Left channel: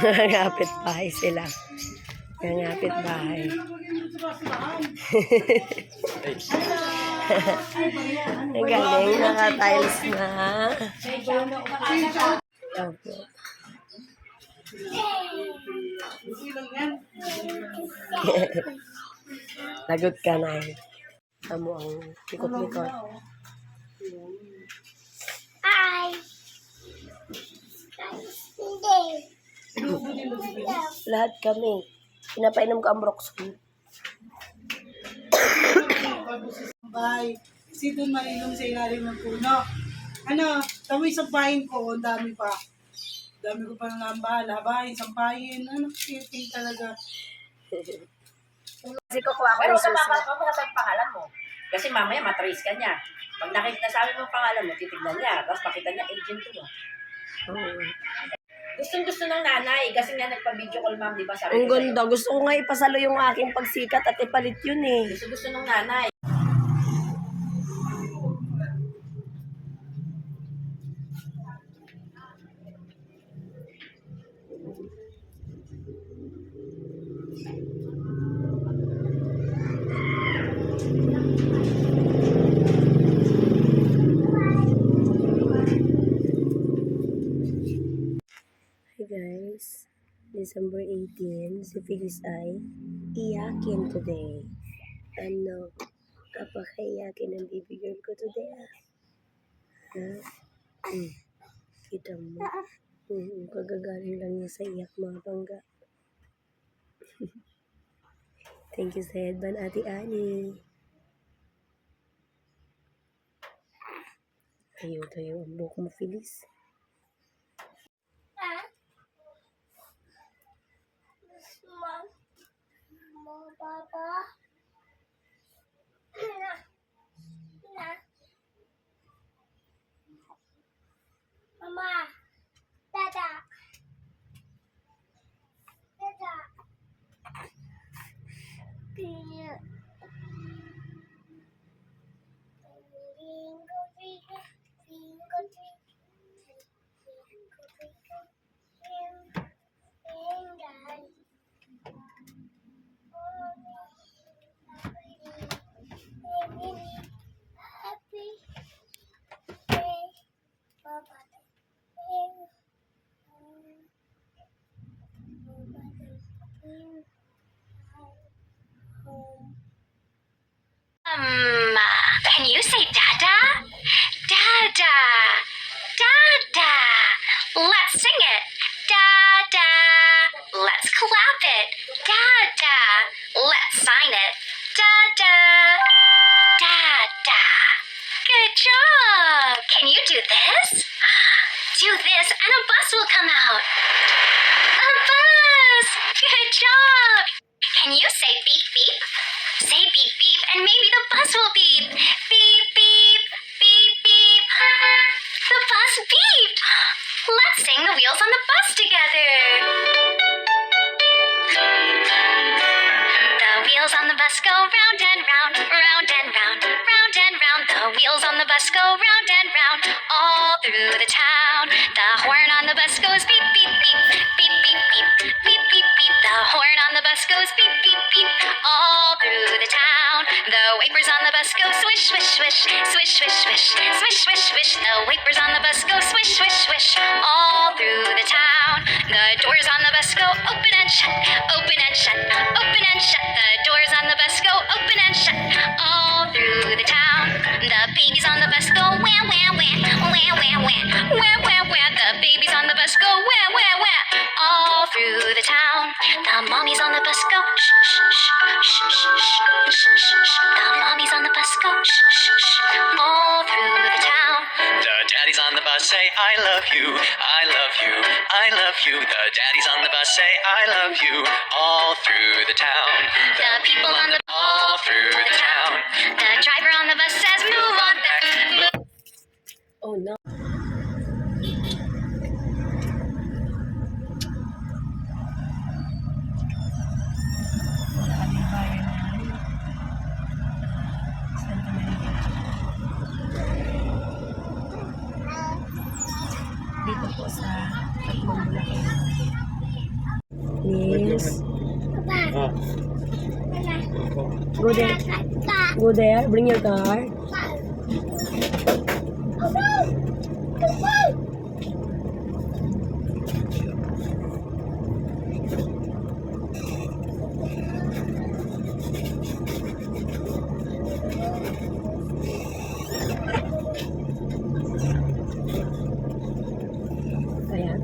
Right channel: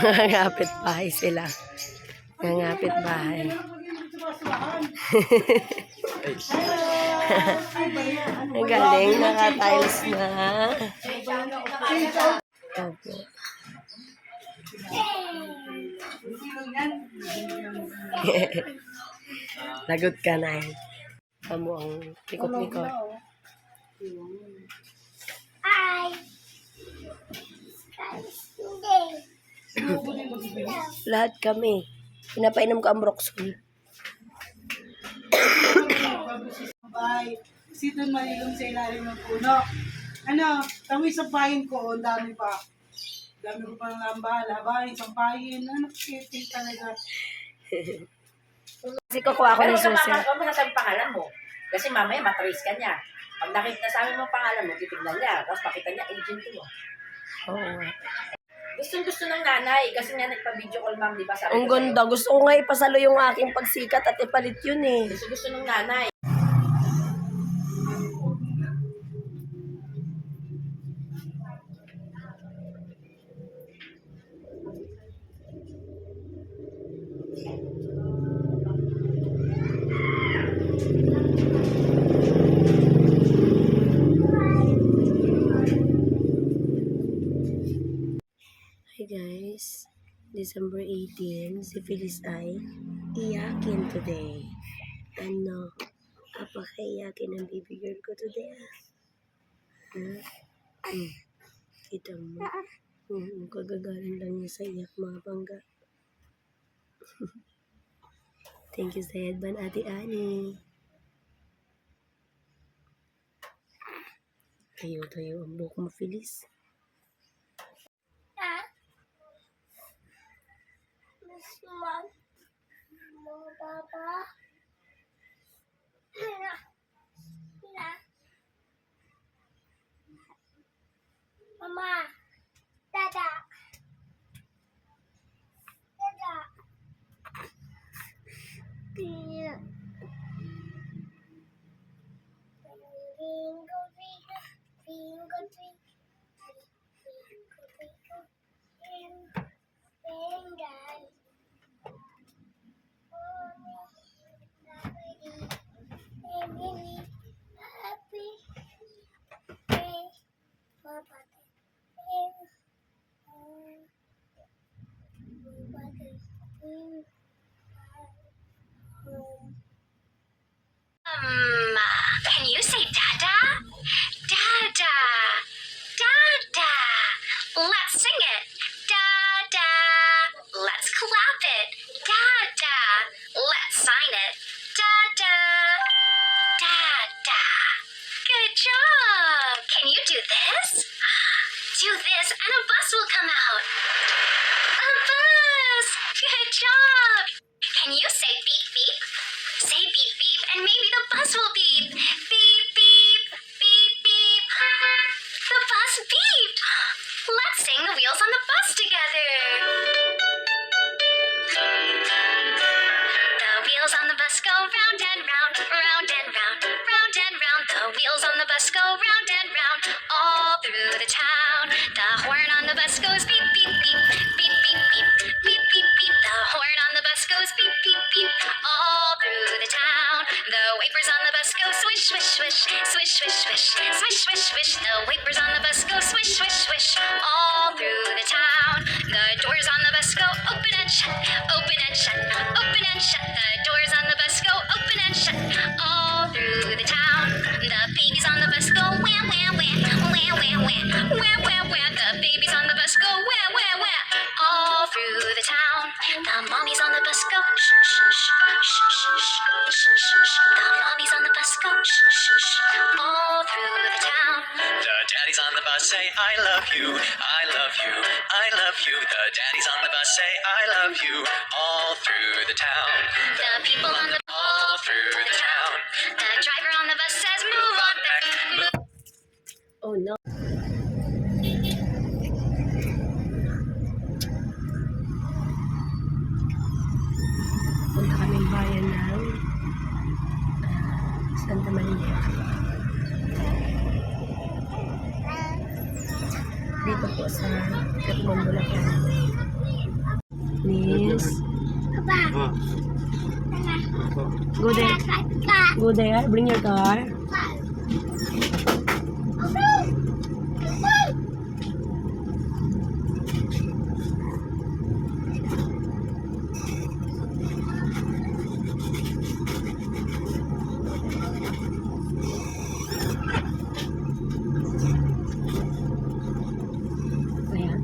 Nangangapit bahay sila. Nangangapit bahay. Ang galing, naka-tiles na. Opo. Lagot ka na eh. Kamu ang likot-likot. Ay! Lahat kami. Pinapainom ka ang Broxol. Bye. Kasi doon malilong sa ilalim ng puno. Ano, tamoy sampahin ko, ang dami pa. Dami ko pa ng lambal, habahin, sampahin. Ano, kiting talaga. Kasi kukuha ko Pero ng susi. huwag mo sasabihin pangalan mo. Kasi mamaya matrace ka niya. Pag nasabi mo pangalan mo, titignan niya. Tapos makita niya, agent to. Oo. Gustong-gusto ng nanay. Kasi nga nagpa-video call ma'am, di ba? Sabi Ang ko sa'yo. ganda. Gusto ko nga ipasalo yung aking pagsikat at ipalit yun eh. Gusto ng nanay. Hi guys. December 18, si Phyllis ay iyakin today. Ano? Apakaiyakin ang baby girl ko today ah. Kita mo. Kagagaling lang niya sa iyak mga bangga. Thank you sa headband, Ate Annie. Tayo ang buhok mo, Phyllis. Mom. Mama, Papa. Mama. Dada. Dada. Bingo, bingo, bingo, Can you say Dada? Dada. Dada. Let's sing it. Dada. Let's clap it. Dada. Let's sign it. Dada. Dada. Good job. Can you do this? Do this and a bus will come out. A bus. Good job. Can you say beep beep? Say beep beep and maybe the bus will beep. Beep beep. Beep beep. The bus beeped. Let's sing the wheels on the bus together. The wheels on the bus go round and round, round and round, round and round. The wheels on the bus go round and round, all through the town. The horn on the bus goes beep beep beep, beep beep beep, beep beep beep. The horn on the bus goes beep beep beep, all through the town. The wipers on the bus go swish swish swish, swish swish swish, swish swish swish. The wipers on the bus go swish swish swish, all through the town. The doors on the bus go open and shut, open and shut, open and shut. The doors on the bus go open and shut, all through the town. The babies on the bus go wah wah wah, wah wah wah, wah wah wah. The babies on the bus go wah wah wah, all through the town. The mommies on the bus go shh shh shh shh shh shh shh. The mommies on the bus go shh shh shh, all through the town. The daddies on the bus say I love you, I love you, I love you. The daddies on the bus say I love you, all through the town. The people on the all through the town. The driver on the bus says move on back. Oh no. Punta kami bayan ng Santa Maria. Dito po sa Katmon, Bulacan. Mama. Go there. Go there. Bring your car. Ayan.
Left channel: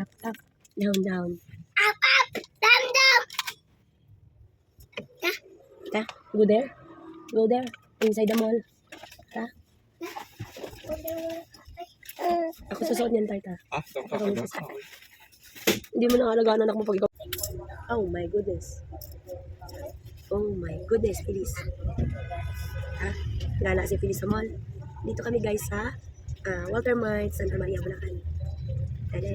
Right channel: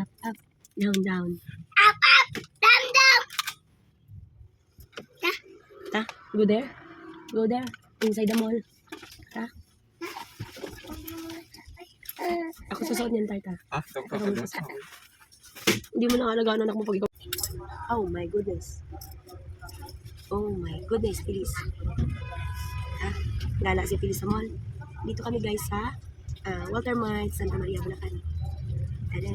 Up, up. Down, down. Ta, go there. Go there. Inside the mall. Ta. Ako susuot niyan, Tarta. Ako magsusuot. Hindi mo nakalagaan anak mo pag ikaw. Oh my goodness. Oh my goodness, Feliz. Ha? Gala si Feliz sa mall. Dito kami guys sa Walter Mart, Santa Maria, Bulacan. Tada!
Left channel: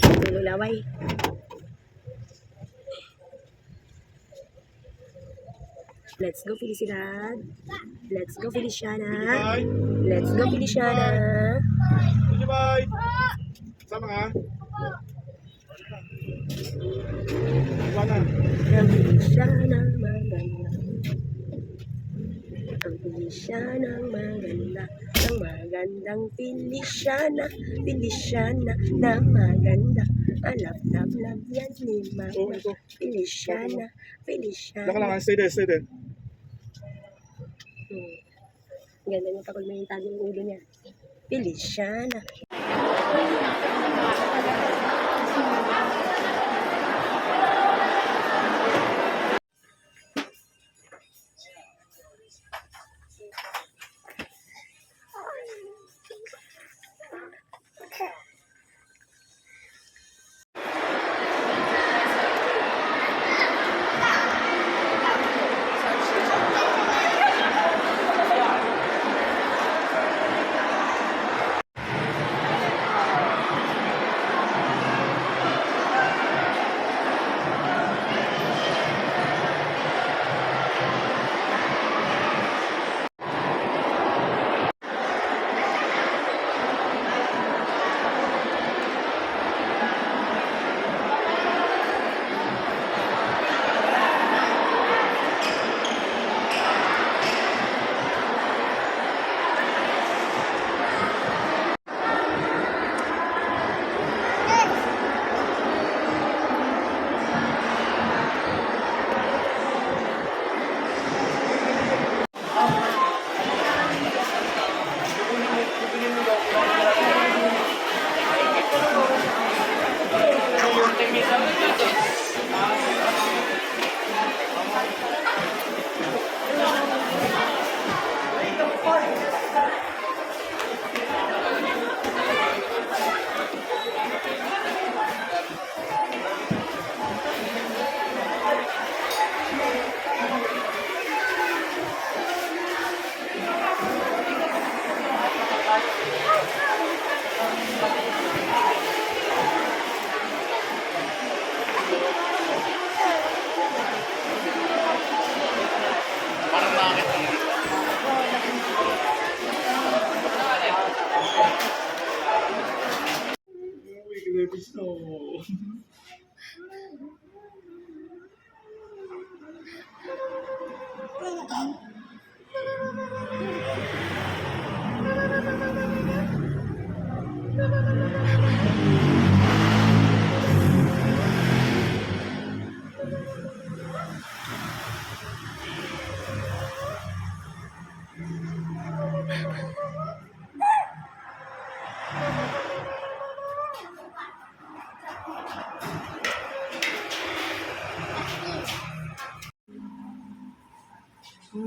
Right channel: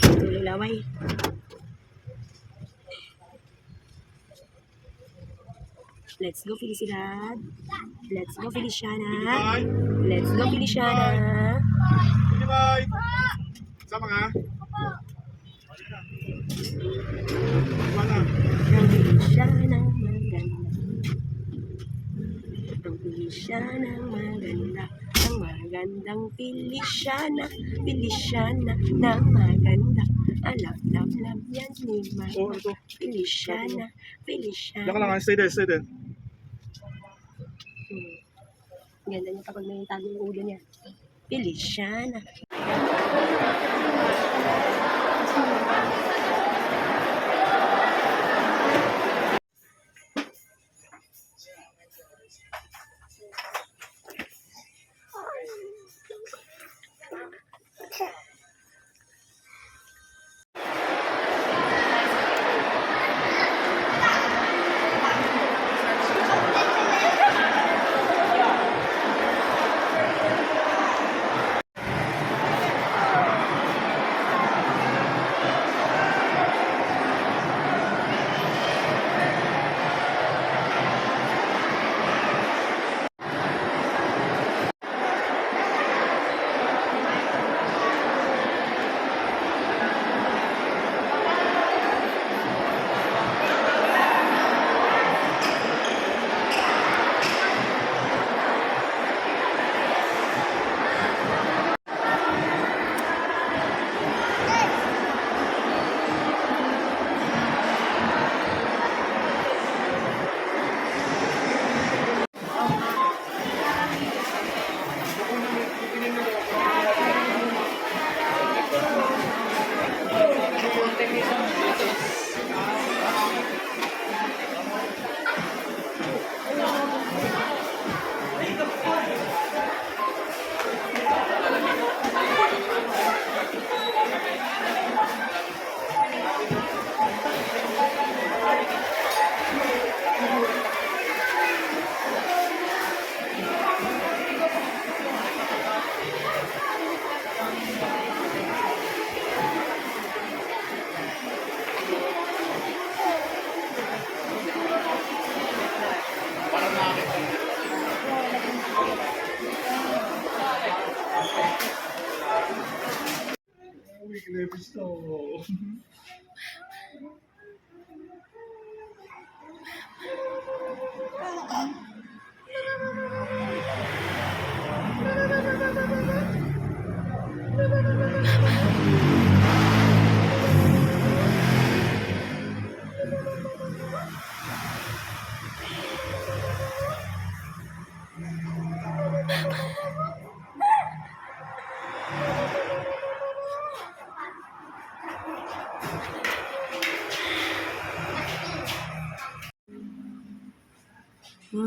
Tuloy laway. Let's go, Felicidad. Let's go, Feliciana. Let's go, Feliciana. Bye! Sama ka? Wala. Ang Feliciana maganda. Ang Feliciana maganda. Ang magandang Feliciana. Feliciana na maganda. Love, love, love yan ni Oh, Mama. ito. Feliciana. Diyan ka lang, Feliciana. stay there, stay there. Ganda niya pag may tago yung ulo niya. Feliciana. Uy, kinepis na ako.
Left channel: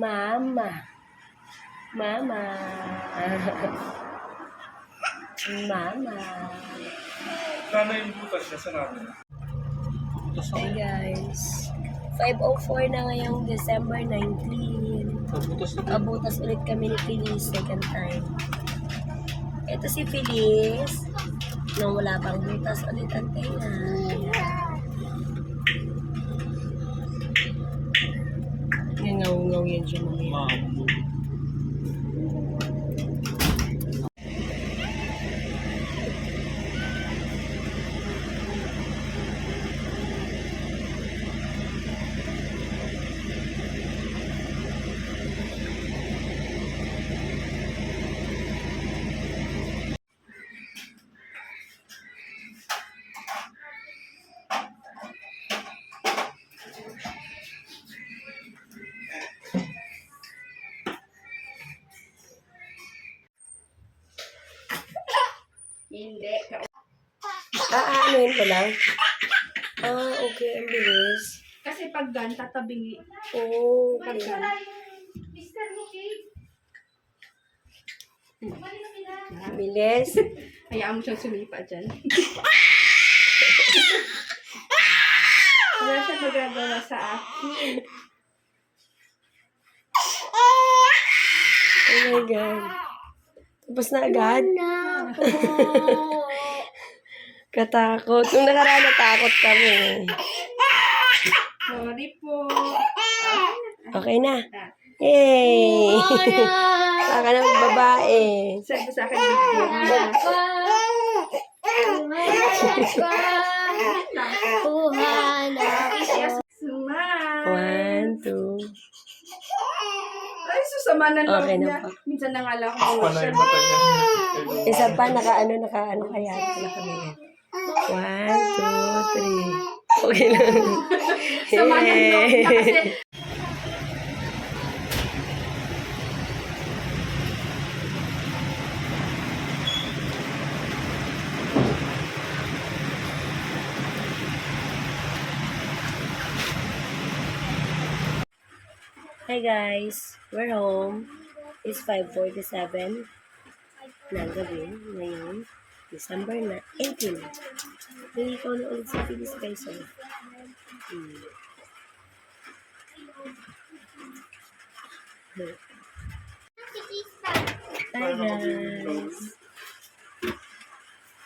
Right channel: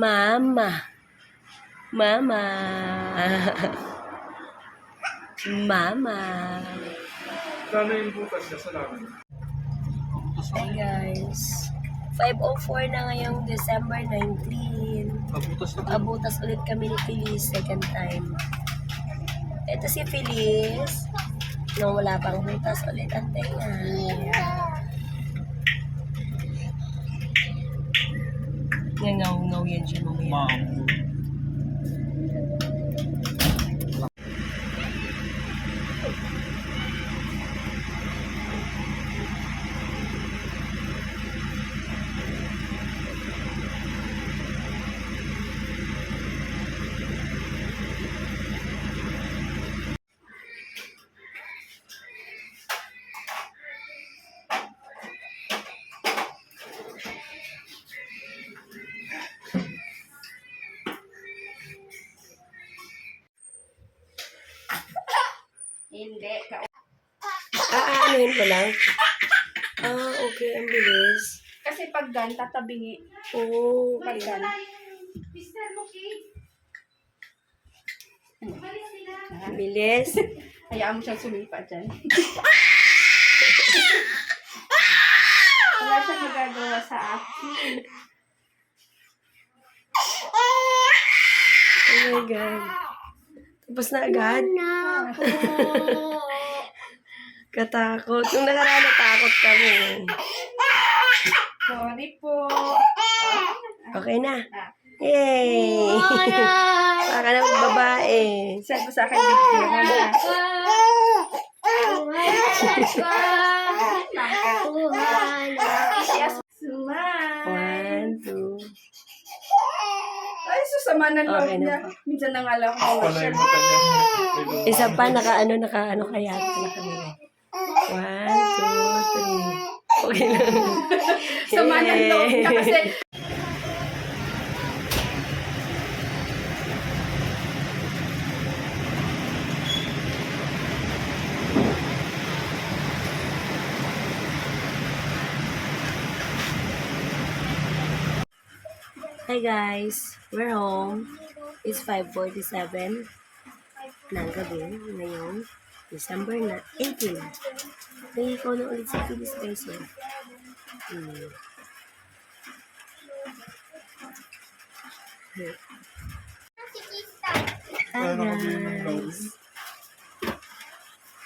Mama. Mama. Mama. Sana yung butas niya sa namin. Hi guys. 5:04 na ngayong December 19. Butas na. Abutas ulit kami ni Feliz second time. Ito si Feliz. Nung wala pang butas ulit ang tenga. Ngaw-ngaw yan siya mamaya. Hindi. Ano yun ko lang? Okay. Ang bilis. Kasi pag gan, tatabingi. Oh, Pag okay. gan. Bilis. Hayaan mo siyang sumipa dyan. Wala siya nagagawa sa akin. Oh my God. Tapos na agad. Katakot. Nung nakaraan natakot kami. Sorry po. Okay na. Yay! Baka na babae. Send mo sa akin video ha. One, two. Ay, susama ng loob Okay na niya. po. Minsan nangala ko Pala yung mata niya. Isa pa, naka-ano kaya. Naka-ano. 1, 2, 3. Okay lang. Sama ng loob niya kasi Hi guys, we're home. It's 5:47 ng gabi ngayon, December 18. May ikaw na ulit sa Feliz guys. Hi guys.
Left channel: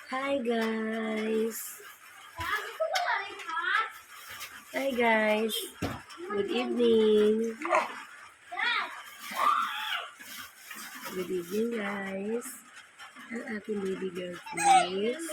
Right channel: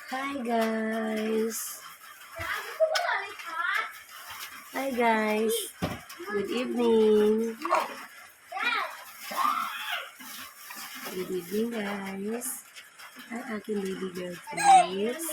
Hi guys. Hi guys. Good evening. Good evening, guys. Ang aking baby girl, please.